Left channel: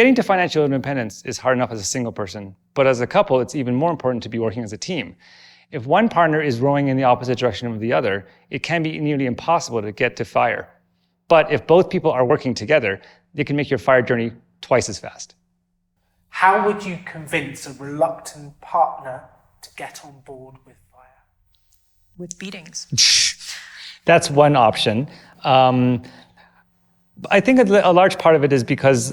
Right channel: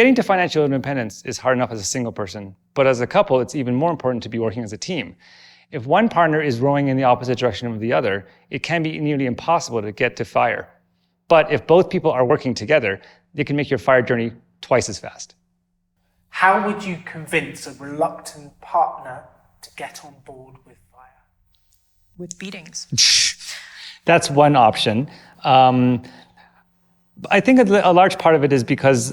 Getting to financial independence is hard enough as a single person, but as a couple, it's even more important to be working as a team. If one partner is rowing in the opposite direction of the other, it can be nearly impossible to get to FIRE. But if both people are working together, they can make your FIRE journey twice as fast. How would you convince a reluctant partner to get on board with FIRE? With beatings. That's one option. I think a large part of it is because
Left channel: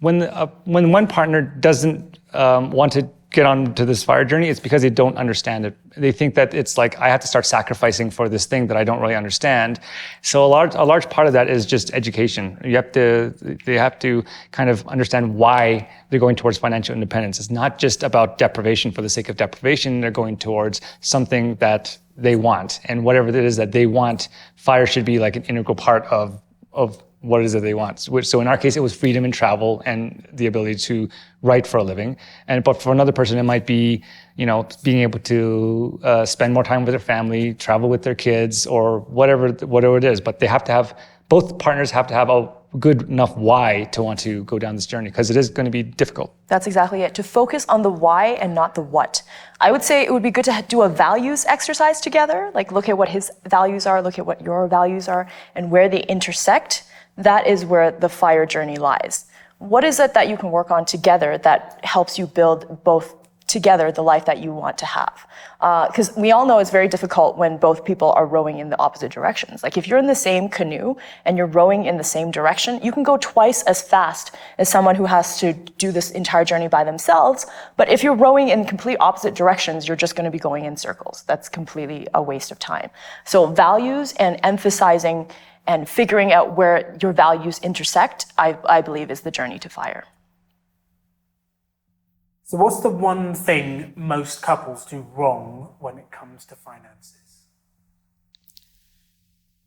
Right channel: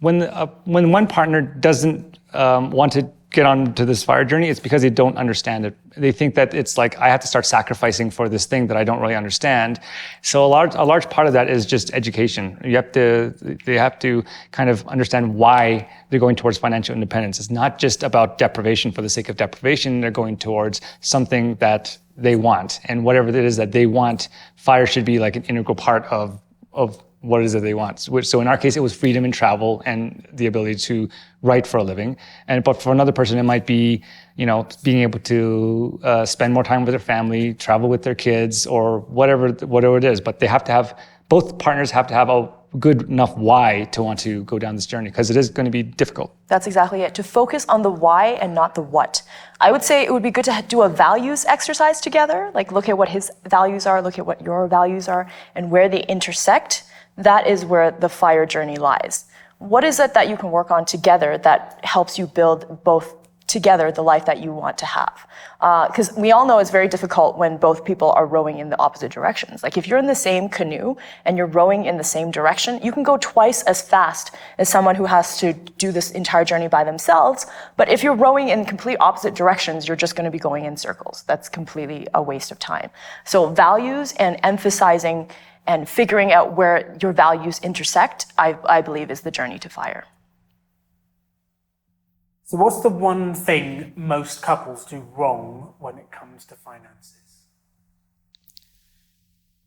when one partner doesn't want to get onto this FIRE journey, it's because they don't understand it. They think that it's like, I have to start sacrificing for this thing that I don't really understand. So a large part of that is just education. They have to kind of understand why they're going towards financial independence. It's not just about deprivation for the sake of deprivation. They're going towards something that they want, and whatever it is that they want, FIRE should be like an integral part of what it is that they want. So in our case, it was freedom in travel and the ability to write for a living. But for another person, it might be, being able to spend more time with their family, travel with their kids, or whatever it is. But both partners have to have a good enough why to want to go down this journey, because it is going to be difficult. That's exactly it. To focus on the why and not the what. I would say it would be good to do a values exercise together, like look at what his values are, look at what your values are, and where they intersect. That is where the FIRE journey lies. What is it that you can work on together that helps you build both together the life that you want to have? Because we all know it's very difficult when both people are rowing in the opposite directions. Like if you're in the same canoe and you're rowing in the same direction, you can go twice as fast as someone who has to do this entire journey by themselves. But if you're rowing in complete opposite directions, you're just going to be going in circles. That's completely a waste of time. So values and emphasizing and figuring out where your values intersect, I believe, is the journey to FIRE. So what's the one thing most couples do wrong when it comes to finances?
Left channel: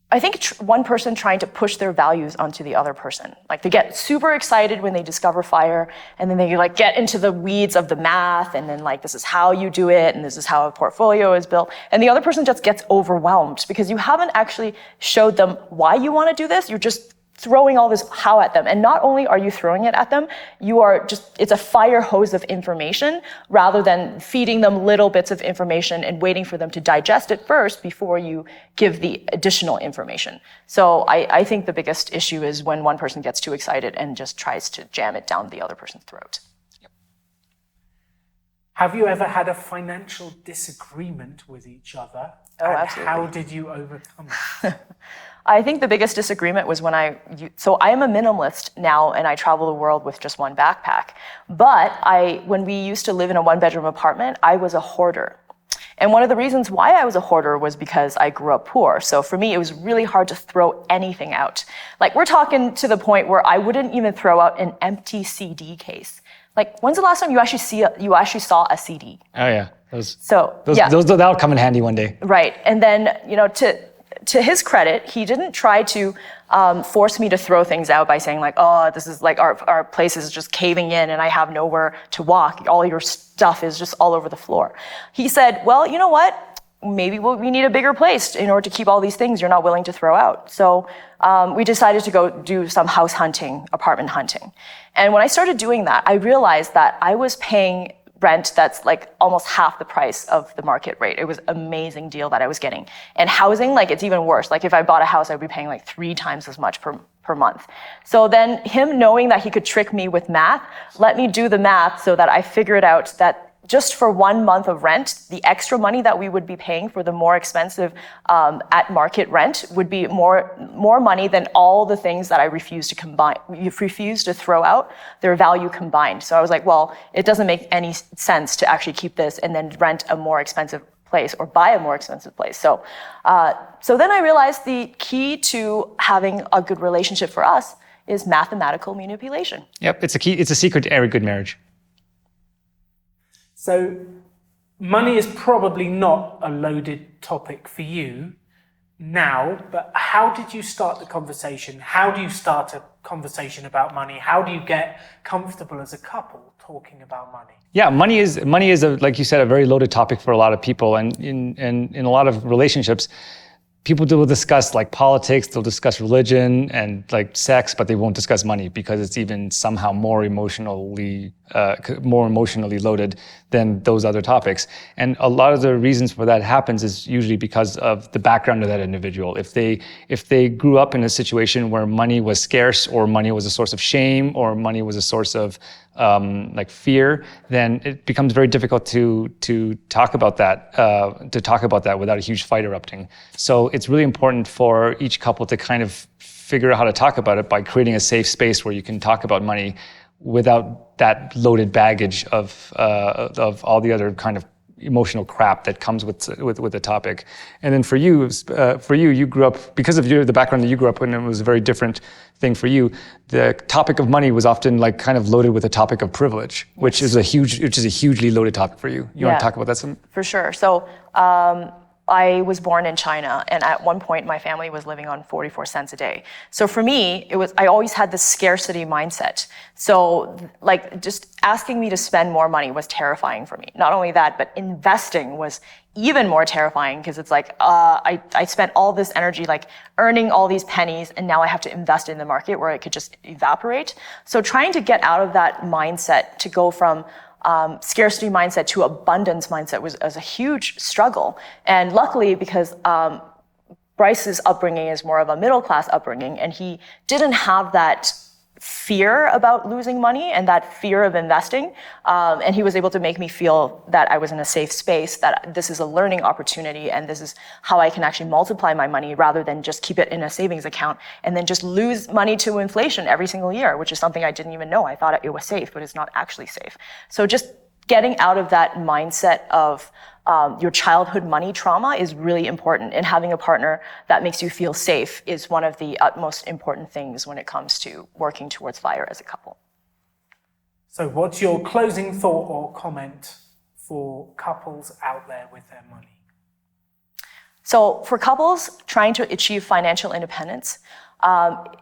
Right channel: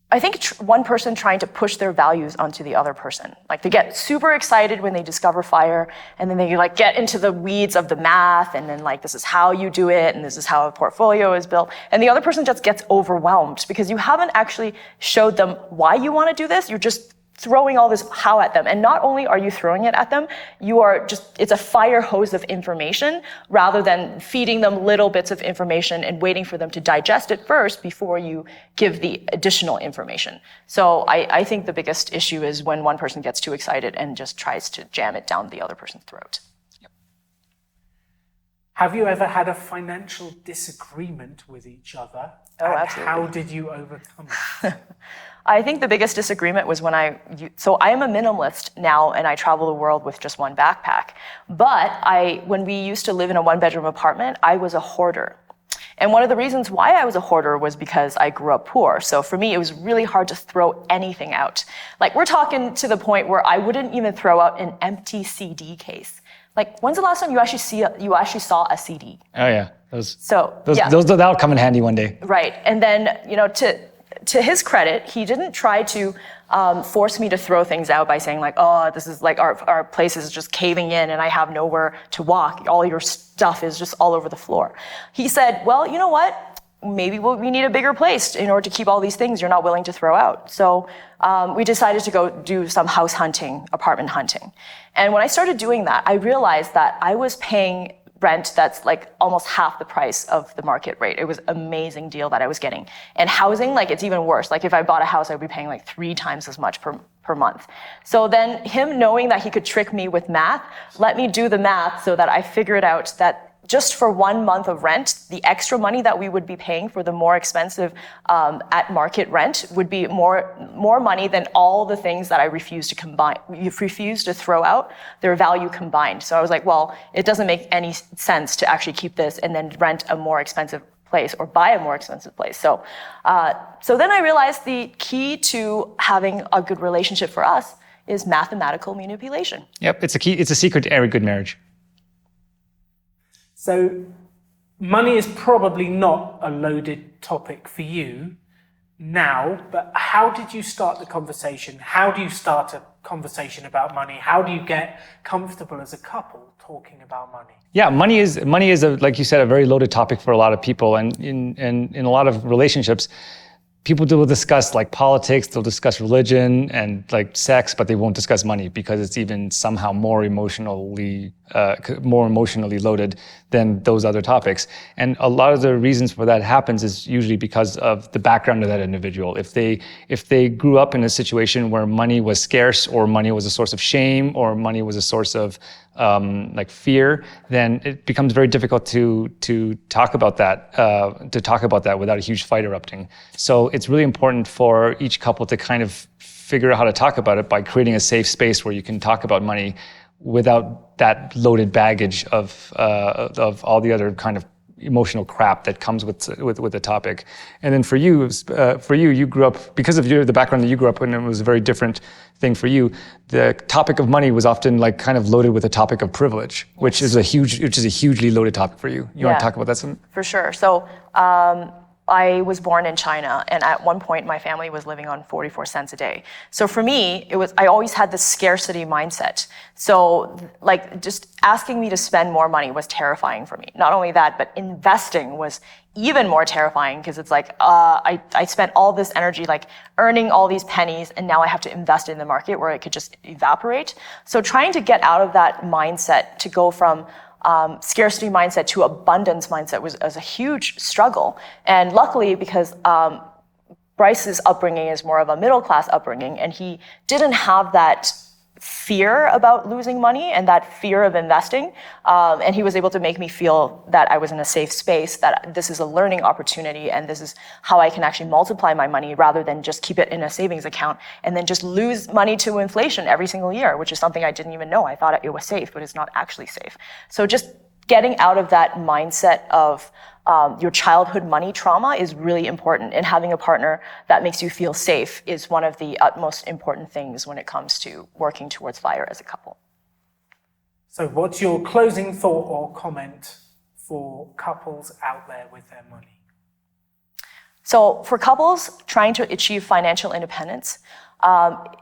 I think one person trying to push their values onto the other person. Like they get super excited when they discover FIRE, and then they like get into the weeds of the math, and then like this is how you do it, and this is how a portfolio is built. And the other person just gets overwhelmed because you haven't actually showed them why you want to do this. You're just throwing all this how at them. And not only are you throwing it at them, it's a fire hose of information rather than feeding them little bits of information and waiting for them to digest it first before you give the additional information. So I think the biggest issue is when one person gets too excited and just tries to jam it down the other person's throat. Yep. Have you ever had a financial disagreement with each other? Oh, absolutely. How did you overcome it? I think the biggest disagreement was so I am a minimalist now and I travel the world with just one backpack. But when we used to live in a one-bedroom apartment, I was a hoarder. And one of the reasons why I was a hoarder was because I grew up poor. So for me, it was really hard to throw anything out. Like we're talking to the point where I wouldn't even throw out an empty CD case. Like when's the last time you actually saw a CD? Oh yeah. That'll come in handy one day. Right. And then, to his credit, he didn't try to force me to throw things out by saying like, oh, this is like our place is just caving in and I have nowhere to walk. All your stuff is just all over the floor. He said, well, you know what? Maybe we need a bigger place in order to keep all these things you're not willing to throw out. So we decided to go do some house hunting, apartment hunting. And when I started doing that, I realized that I was paying rent that's like almost half the price of the market rate. It was an amazing deal that I was getting. And housing, like it's even worse. Like if I bought a house, I'd be paying like 3 times as much per month. So then him knowing that he could trick me with math, let me do the math so that I figured out that just for 1 month of rent, the extra money that we would be paying for the more expensive at market rent would be more money than all the things that I refused to throw out, their value combined. So I was like, well, it doesn't make any sense to actually keep this and then rent a more expensive place or buy a more expensive place. So then I realized the key to having a good relationship for us is mathematical manipulation. Yep, it's a secret to every good marriage. So money is probably not a loaded topic for you now, but how did you start the conversation? How do you start a conversation about money? How do you get comfortable as a couple talking about money? Yeah, money is like you said, a very loaded topic for a lot of people, and in a lot of relationships, people will discuss like politics, they'll discuss religion and like sex, but they won't discuss money because it's even somehow more emotionally loaded than those other topics. And a lot of the reasons for that happens is usually because of the background of that individual. If they grew up in a situation where money was scarce, or money was a source of shame, or money was a source of like fear, then it becomes very difficult to talk about that without a huge fight erupting. So it's really important for each couple to kind of figure out how to talk about it by creating a safe space where you can talk about money without that loaded baggage of all the other kind of emotional crap that comes with the topic. And then for you, you grew up, because of the background that you grew up in, it was a very different thing for you. The topic of money was often like kind of loaded with a topic of privilege, which is a hugely loaded topic for you. You want to talk about that some? For sure. So I was born in China, and at one point my family was living on 44 cents a day. So for me, I always had this scarcity mindset. So like just asking me to spend more money was terrifying for me. Not only that, but investing was even more terrifying, because it's like I spent all this energy like earning all these pennies, and now I have to invest in the market where it could just evaporate. So trying to get out of that mindset to go from scarcity mindset to abundance mindset was a huge struggle. And luckily, because Bryce's upbringing is more of a middle class upbringing, and he didn't have that fear about losing money and that fear of investing. And he was able to make me feel that I was in a safe space, that this is a learning opportunity, and this is how I can actually multiply my money rather than just keep it in a savings account and then just lose money to inflation every single year, which is something I didn't even know. I thought it was safe, but it's not actually safe. So just getting out of that mindset of your childhood money trauma is really important, and having a partner that makes you feel safe is one of the utmost important things when it comes to working towards FIRE as a couple. So what's your closing thought or comment for couples out there with their money? So for couples trying to achieve financial independence,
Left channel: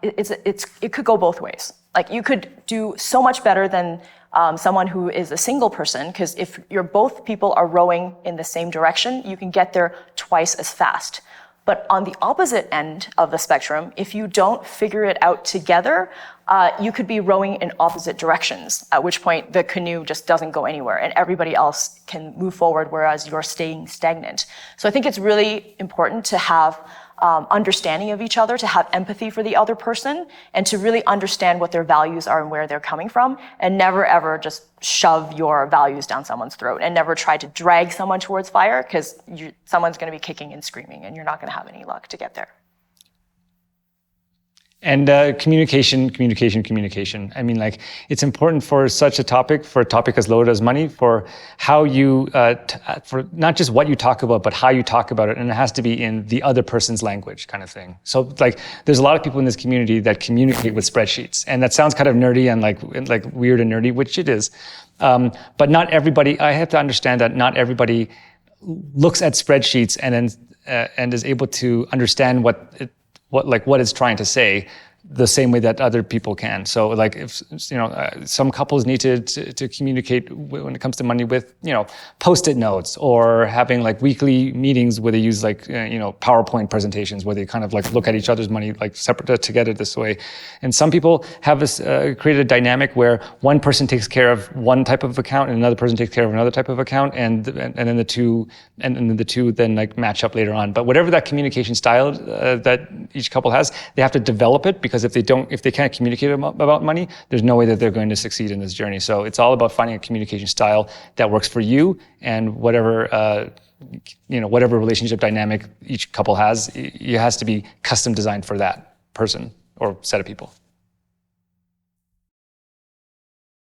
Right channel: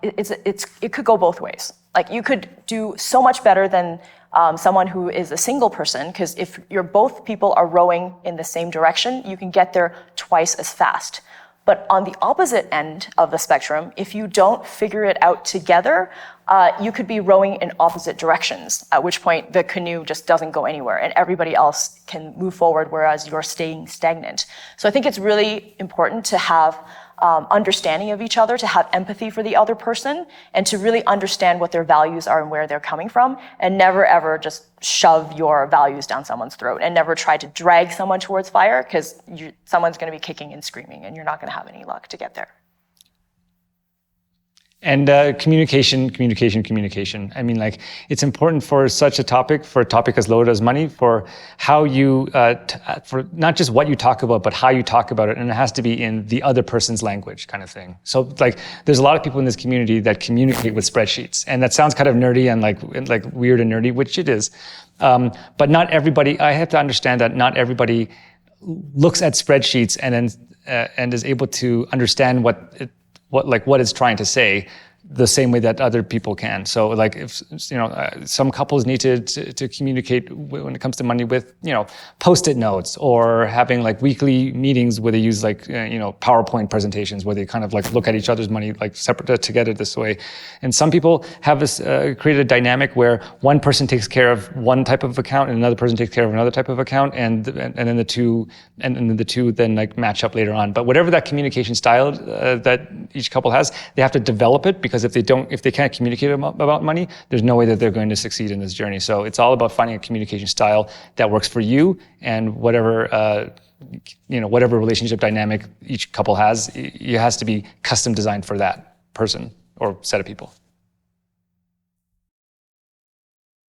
it could go both ways. Like you could do so much better than someone who is a single person, because if both people are rowing in the same direction, you can get there twice as fast. But on the opposite end of the spectrum, if you don't figure it out together, you could be rowing in opposite directions, at which point the canoe just doesn't go anywhere and everybody else can move forward, whereas you're staying stagnant. So I think it's really important to have understanding of each other, to have empathy for the other person, and to really understand what their values are and where they're coming from, and never ever just shove your values down someone's throat, and never try to drag someone towards FIRE, because someone's going to be kicking and screaming and you're not going to have any luck to get there. And communication. I mean, like, it's important for such a topic, for a topic as loaded as money, for how you, for not just what you talk about, but how you talk about it. And it has to be in the other person's language kind of thing. So like, there's a lot of people in this community that communicate with spreadsheets. And that sounds kind of nerdy and like weird and nerdy, which it is. But not everybody, I have to understand that not everybody looks at spreadsheets and is able to understand what it's trying to say the same way that other people can. So like, if some couples need to communicate when it comes to money with Post-it notes, or having like weekly meetings where they use like PowerPoint presentations where they kind of like look at each other's money like separate together this way. And some people have this created a dynamic where one person takes care of one type of account and another person takes care of another type of account, and then the two then like match up later on. But whatever that communication style that each couple has, they have to develop it, because if they can't communicate about money, there's no way that they're going to succeed in this journey. So it's all about finding a communication style that works for you, and whatever whatever relationship dynamic each couple has, it has to be custom designed for that person or set of people.